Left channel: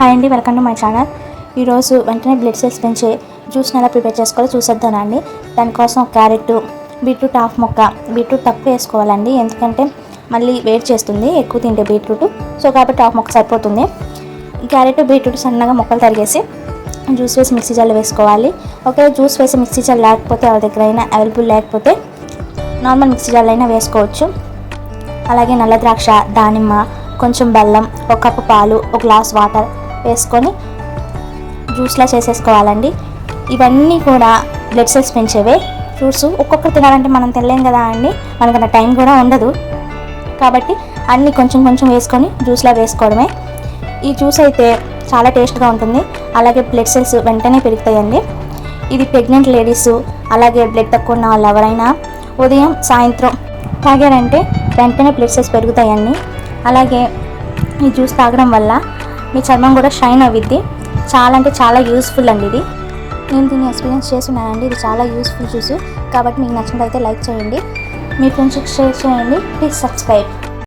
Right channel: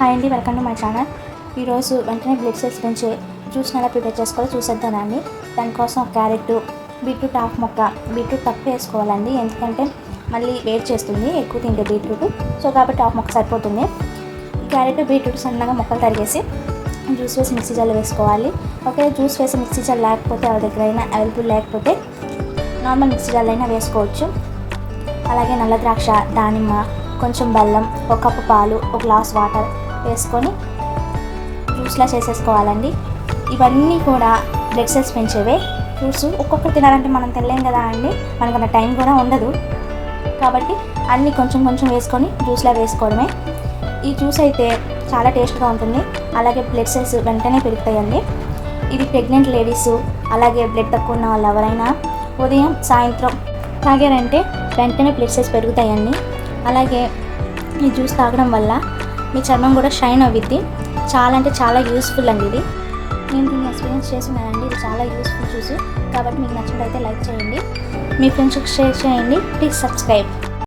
Hi అండి, welcome to my channel. ఈరోజు వెంటనే బ్లడ్ సెల్స్ పెంచే జ్యూస్ని ఎలా ప్రిపేర్ చేసుకోవాలో చూసేద్దానండి. దానికోసం క్యారెట్, బీట్రూట్ హాఫ్ ముక్క, బీట్రూట్ తక్కువ వేసుకోవాలండి, ఎందుకంటే మళ్ళీ వేడి చేస్తుంది ఎక్కువ తింటే బీట్రూట్. సో కాబట్టి హాఫ్ ముక్క సరిపోతుంది. క్యారెట్, బీట్రూట్ సన్నగా ముక్కలు తరిగేసి జ్యూస్ వేసి మిక్సీ జార్లో వేసుకోవాలి. ఒకవేళ జ్యూస్ వేసి మిక్సీ జార్ లేకపోతే ఎవరి దగ్గర అయినా అవైలబుల్ లేకపోతే నార్మల్ మిక్సీ జార్లో అయినా వేసుకోవచ్చు. అలాగే నల్ల ద్రాక్ష, దానిమ్మ, కొంచెం బెల్లం, ఒక కప్పు పాలు, ఒక గ్లాస్ వాటర్ వేసుకొని జ్యూస్లా చేసేసుకోవాలండి. ఇవన్నీ కూడా బ్లడ్ సెల్స్ పెంచేవే ఫ్రూట్స్. ఒక్కొక్కరు తినాలంటే మనం తినలేం కదా అండి, మనకన్నా టైం కూడా ఉండదు. కాబట్టి అన్నీ కొంచెం కొంచెం వేసుకొని జ్యూస్లా వేసుకోవడమే. ఈ జ్యూస్ అయితే చాలా టేస్ట్గా ఉంటుంది, అలాగే బ్లడ్ సెల్స్ వెంటనే పెరుగుతాయండి. ఇది ప్రెగ్నెంట్ లేడీస్, అలాగే బ్లడ్ తక్కువ ఉన్న వాళ్ళు ఎవరైనా ఉదయం సాయంత్రం తాగారంటే వెంటనే బ్లడ్ సెల్స్ పెరుగుతాయండి. అలాగే ఈ జ్యూస్ తాగడం వల్ల మీ చర్మం కూడా షైన్ అవుద్ది. చాలా అంటే చాలా యూస్ఫుల్ అండి ఇది. నేను దీన్ని ఎక్స్పీరియన్స్ చేస్తున్నానండి. ఇది చాలా యూస్ఫుల్ జ్యూస్. కాబట్టి మీకు నచ్చినట్లయితే లైక్ చేయండి, మీ ఫ్రెండ్స్కి షేర్ చేయండి. Please subscribe.